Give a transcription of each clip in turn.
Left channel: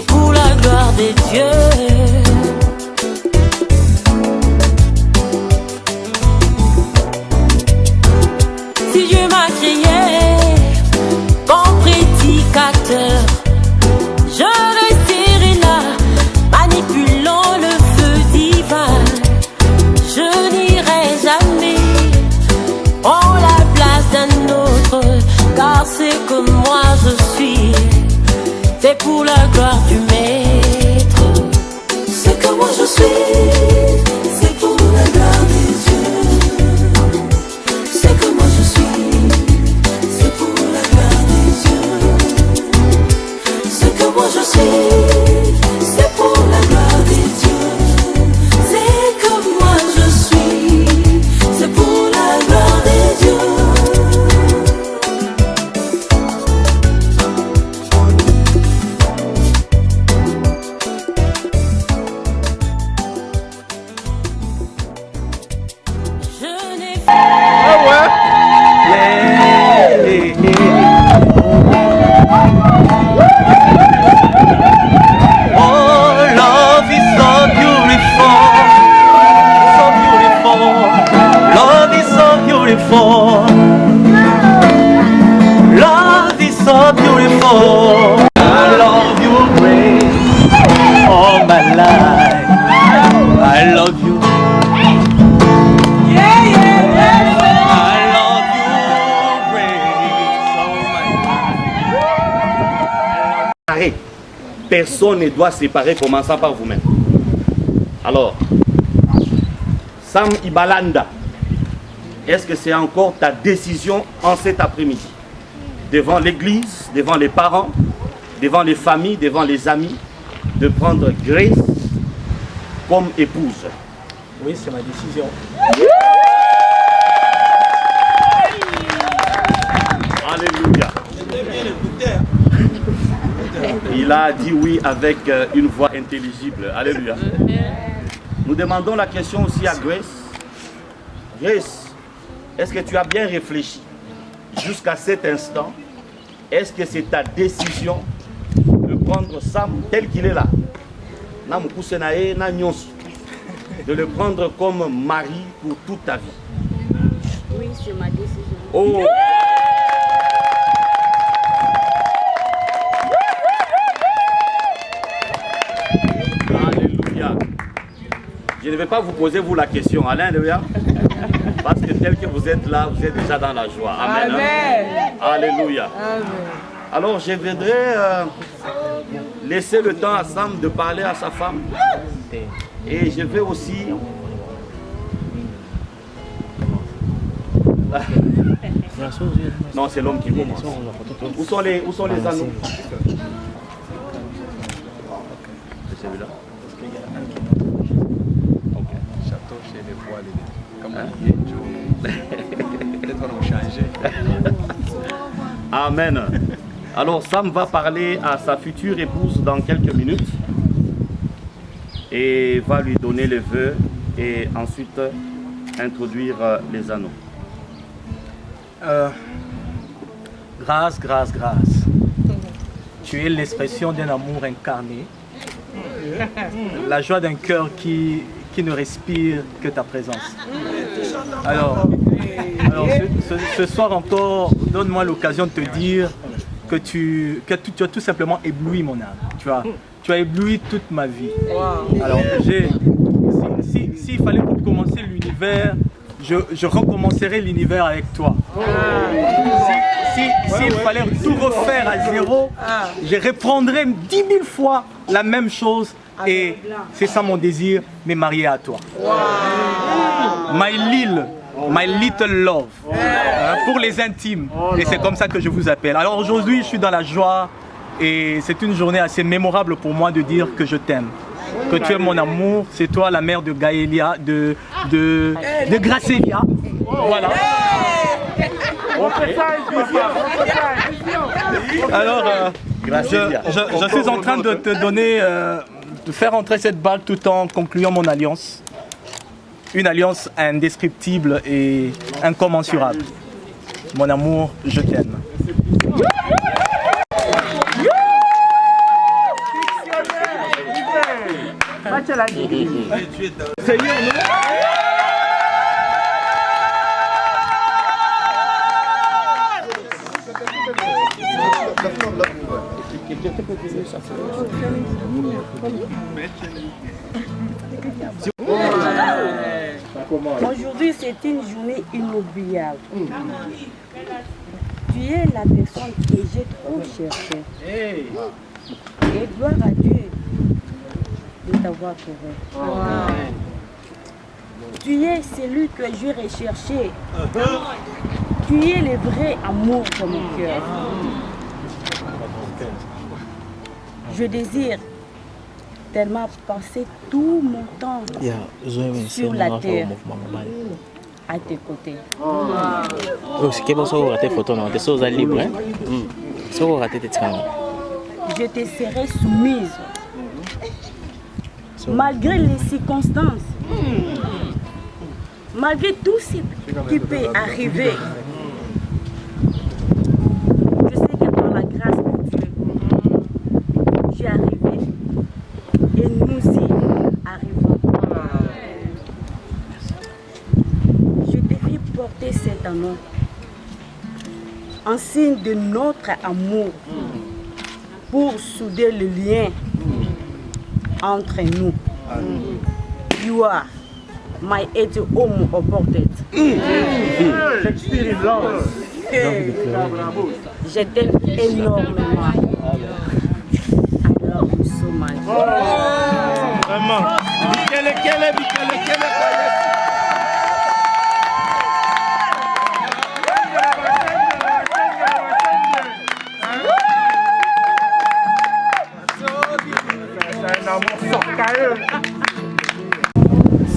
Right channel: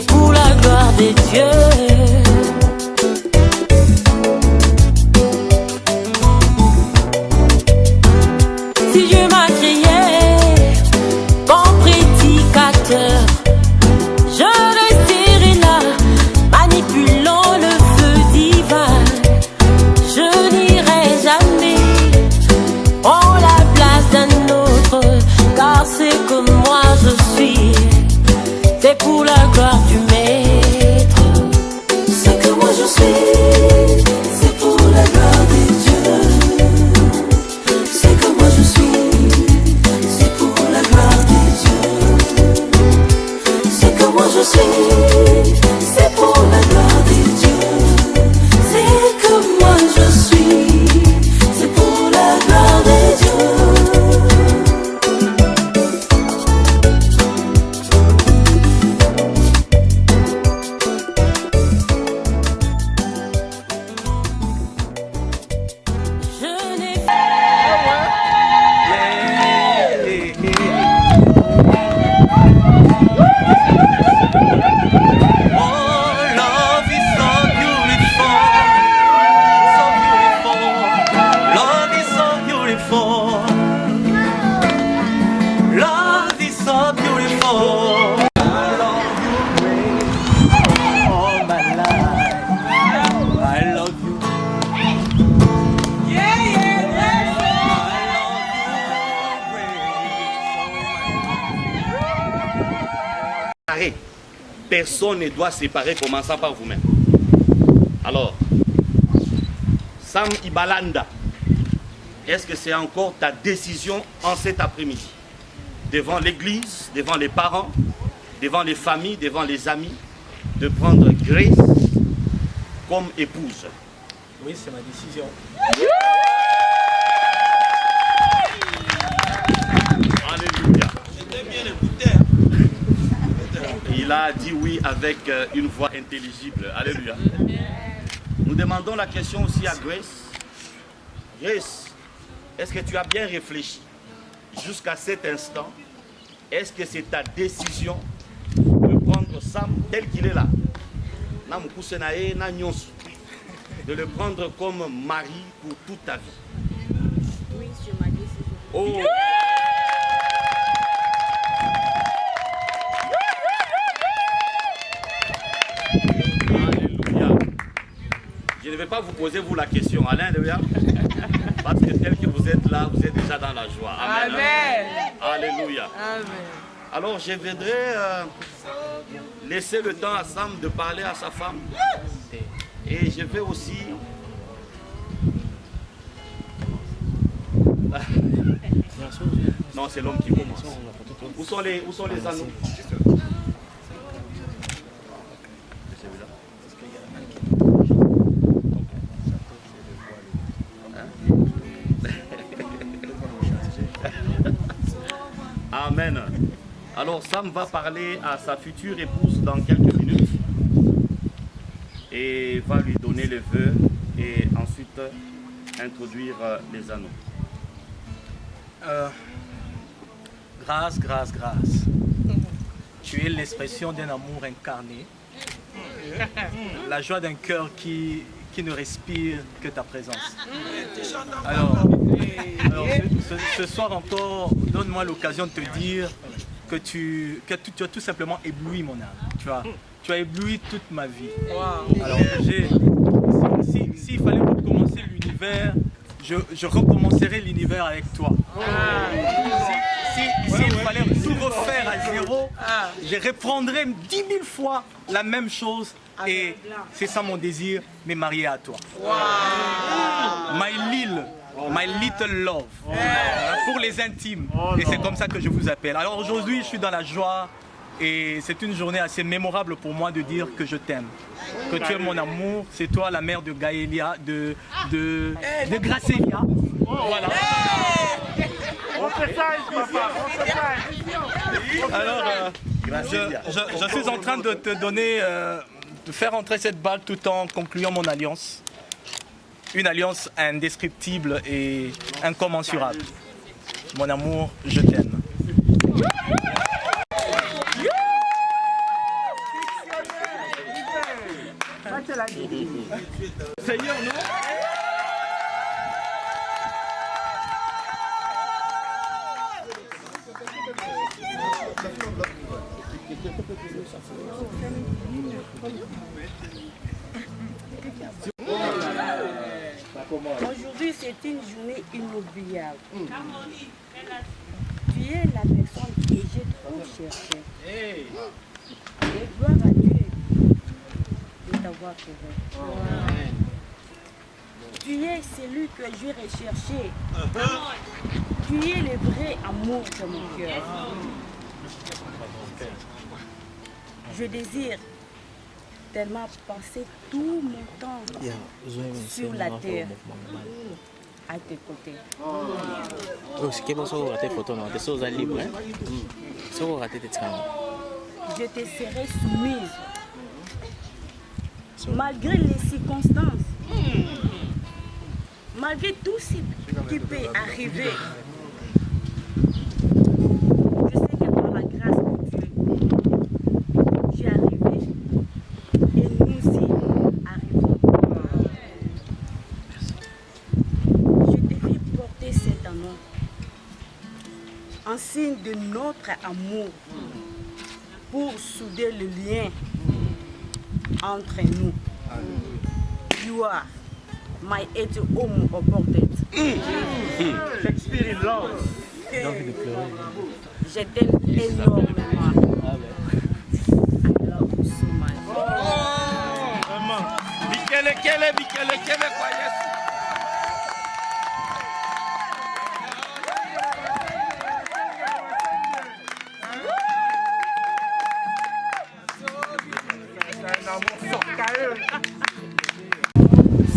c'est pour la gloire de Dieu. Si Dieu m'a créé comme prédicateur, je resterai là, manipulant le feu divin. Je n'irai jamais en la place d'un autre, car c'est comme moi je suis, c'est pour la gloire du Maître. C'est que moi je suis, c'est pour la gloire de Dieu. C'est que moi je suis, c'est pour la gloire de Dieu. C'est que moi je suis, c'est pour la gloire de Dieu. C'est que moi je suis, c'est pour la gloire de Dieu. Love is so beautiful. I love you, Grace. All my life, I love you. I love you, Grace. All my life. Personne ne doit séparer, commençant par vous-même. Alors, Sam Ibalanda, est-ce que c'est encore ta décision en cet après-midi, devant l'église, devant les parents, devant les familles, devant les amis, de prendre Grace comme épouse? Oui, c'est ma décision. Alléluia. Il a dit oui avec une voix intelligible. Alléluia. Nous demandons la question aussi à Grace. Grace, est-ce que tu as bien réfléchi jusqu'à cet instant? Est-ce que c'est ta décision de prendre Sam tel qu'il est là, de le prendre comme mari pour toute ta vie? Oui, c'est ma décision. Oh. Alléluia. Je ne vais pas vous poser vous la question. Alléluia. Parce que tel que vous êtes là, vous êtes déjà dans la joie. Amen. Amen. Hein? Alléluia. Amen. Alors je voudrais laisser le temps à Sam de parler à sa femme. Et je vais aussi... Non, c'est l'homme qui commence. Où sont les anneaux? C'est celui-là. Parce qu'il y a un qui est notre. Ok. Château chez les voiles. Comme peut-être qu'on a changé. Amen. Alors Sam va parler à sa future épouse dans quelques minutes et va lui donner les vœux et ensuite introduire les anneaux. Grâce, grâce, grâce. Tu es l'expression d'un amour incarné, la joie d'un cœur qui ne respire que ta présence. Alors ce soir encore, donne-moi l'occasion de te dire que tu as tout simplement ébloui mon âme. Tu as ébloui toute ma vie. Alors s'il fallait recommencer l'univers, je recommencerai l'univers avec toi. S'il fallait tout refaire à zéro, je reprendrai 10 000 fois la même chose. Et c'est ça mon désir, me marier à toi. My little love. Pour les intimes. Et c'est comme ça que je vous appelle. Alors aujourd'hui, je suis dans la joie. Et c'est une journée assez mémorable pour moi de dire que je t'aime. Que tu es mon amour. C'est toi la mère de Gaëlia, de Gracelia. Voilà. Alors, je suis en train de te donner, de faire entrer cette balle tout en concluant mon alliance. Une alliance indescriptible et incommensurable. Mon amour, je t'aime. Seigneur, non? Aujourd'hui, c'est une journée inoubliable. Tu es la personne que j'ai trop cherchée. Et gloire à Dieu de t'avoir trouvé. Tu es celui que j'ai recherché. Tu es le vrai amour de mon cœur. Je désire tellement passer tout mon temps sur la terre à tes côtés. Je te serai soumise malgré les circonstances, malgré tout ce qui peut arriver. Je sais que par la grâce de Dieu, j'y arrivé et nous y arrivons. Je te fais porter cet anneau en signe de notre amour pour souder le lien entre nous. You are my eighth home opportunity. Je t'aime énormément. I love you so much. Vraiment. Michele,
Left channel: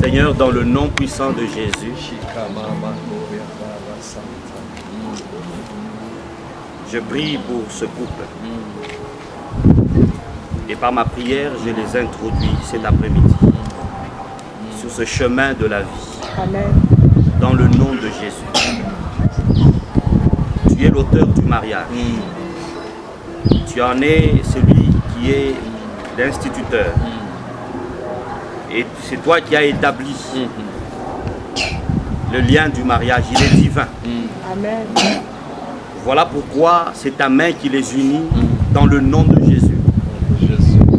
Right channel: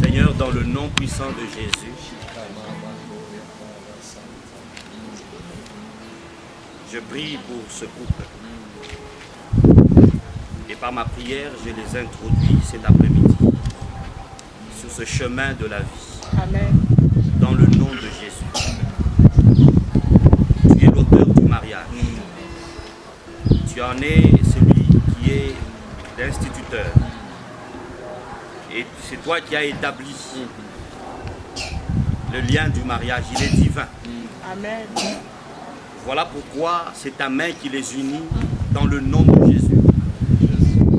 Seigneur, dans le nom puissant de Jésus, je prie pour ce couple. Et par ma prière, je les introduis cet après-midi sur ce chemin de la vie. Amen. Dans le nom de Jésus. Tu es l'auteur du mariage. Tu en es celui qui est l'instituteur. Et c'est toi qui as établi le lien du mariage. Il est divin. Amen. Voilà pourquoi c'est ta main qui les unit dans le nom de Jésus.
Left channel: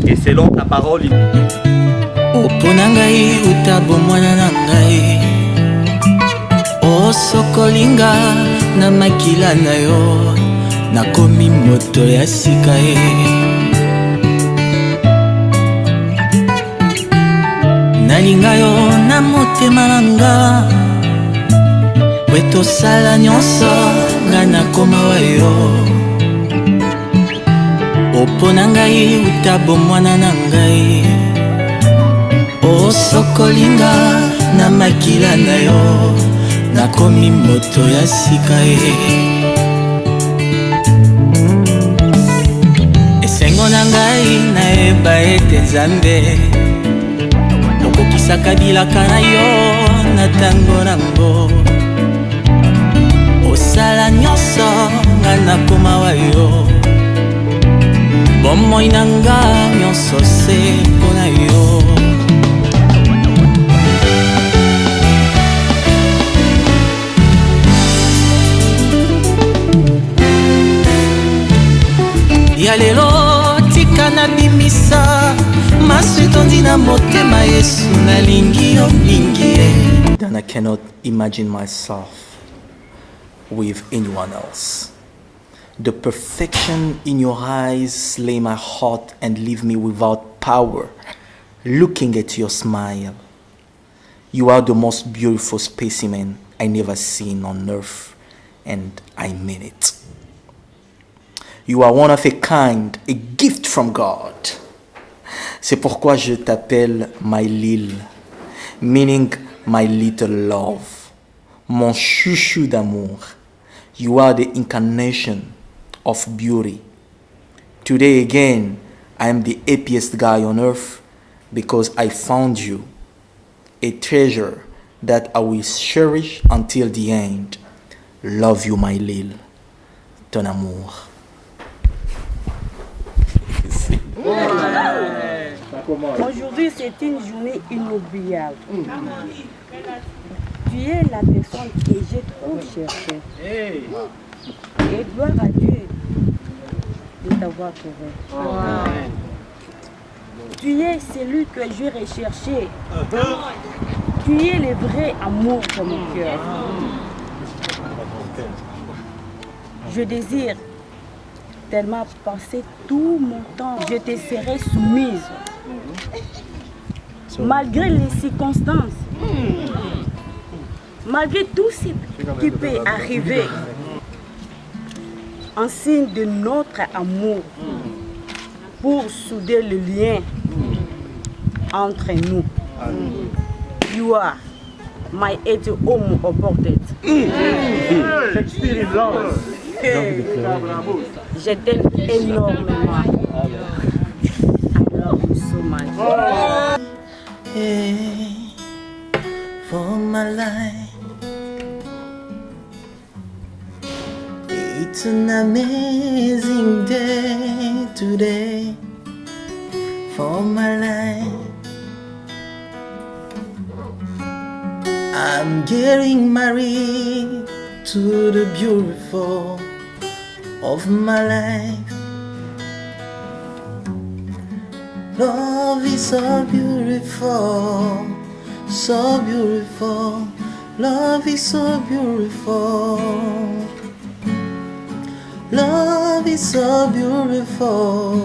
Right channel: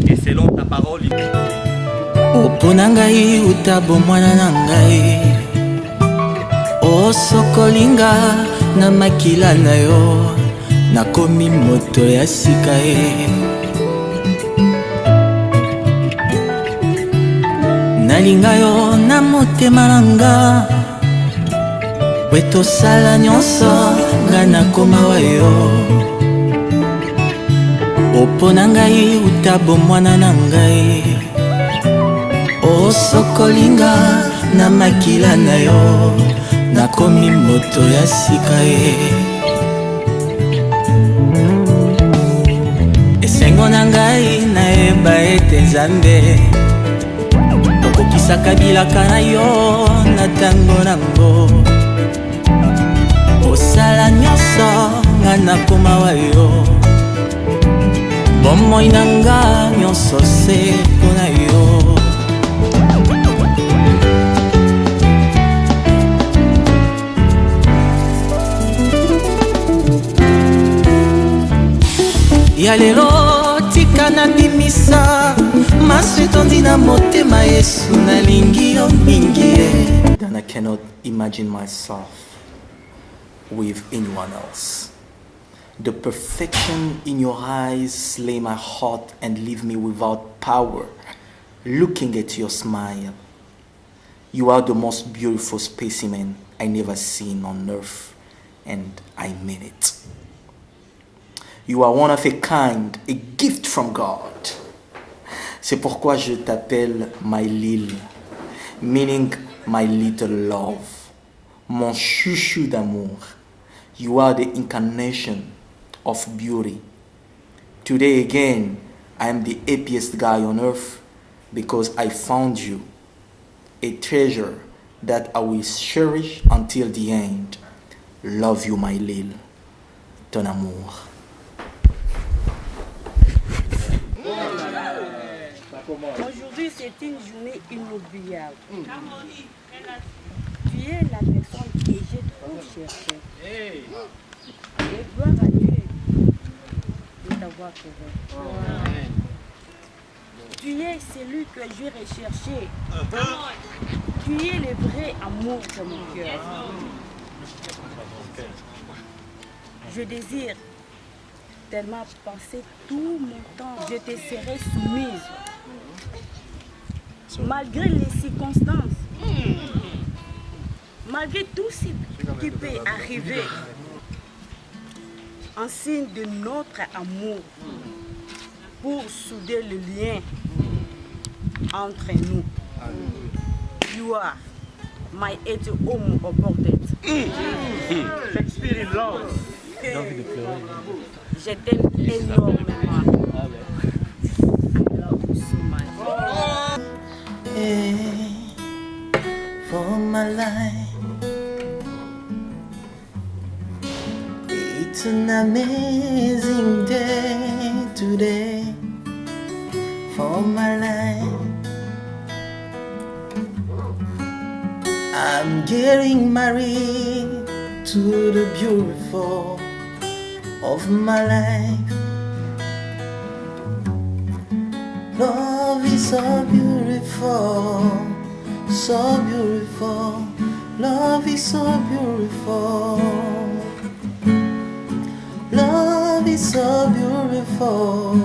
Et selon ta parole, il Oponangai utabo mwana nangai Osokolinga na makila na yo Nakomi moto ya sika Nalinga yo na motema nanga Weto sala nyonso nga nakoma wa yo Oponangai utabo mwana nangai Osokolinga na makila na yo Nakomi moto ya sika Esengo nangai naeba ete Nzambe Okokisa kabilaka na yo na tango nango Osala nyonso nga nakoma wa yo Bomoi nanga nyonso se mpona yo Ya lelo tika na bimisa Masu tondi na motema Yesu nalingi yo mingi And I cannot imagine myself with anyone else. The perfection in your eyes slay my heart and leave me without power. Looking at your smile, you are the most beautiful specimen I never seen on earth, and I mean it. You are one of a kind, a gift from God. C'est pourquoi je t'appelle my Lil, meaning my little love, mon chouchou d'amour. You are the incarnation of beauty. Today again, I am the happiest guy on earth because I found you, a treasure that I will cherish until the end. Love you, my Lil. Ton amour. Aujourd'hui, c'est une journée inoubliable. Tu es la personne que j'ai trop cherchée. Et gloire à Dieu de t'avoir trouvé. Tu es celui que je recherchais. Tu es le vrai amour de mon cœur. Je désire tellement passer tout mon temps. Je te serai soumise. Malgré les circonstances. Malgré tout ce qui peut arriver. En signe de notre amour. Pour souder le lien entre nous. You are my eight home apported. Shakespeare is love. Je t'aime énormément. I love you so much. Hey, for my life, it's an amazing day today. For my life, I'm getting married to the beautiful of my life. Love is so beautiful, so beautiful. Love is so beautiful. Love is so beautiful.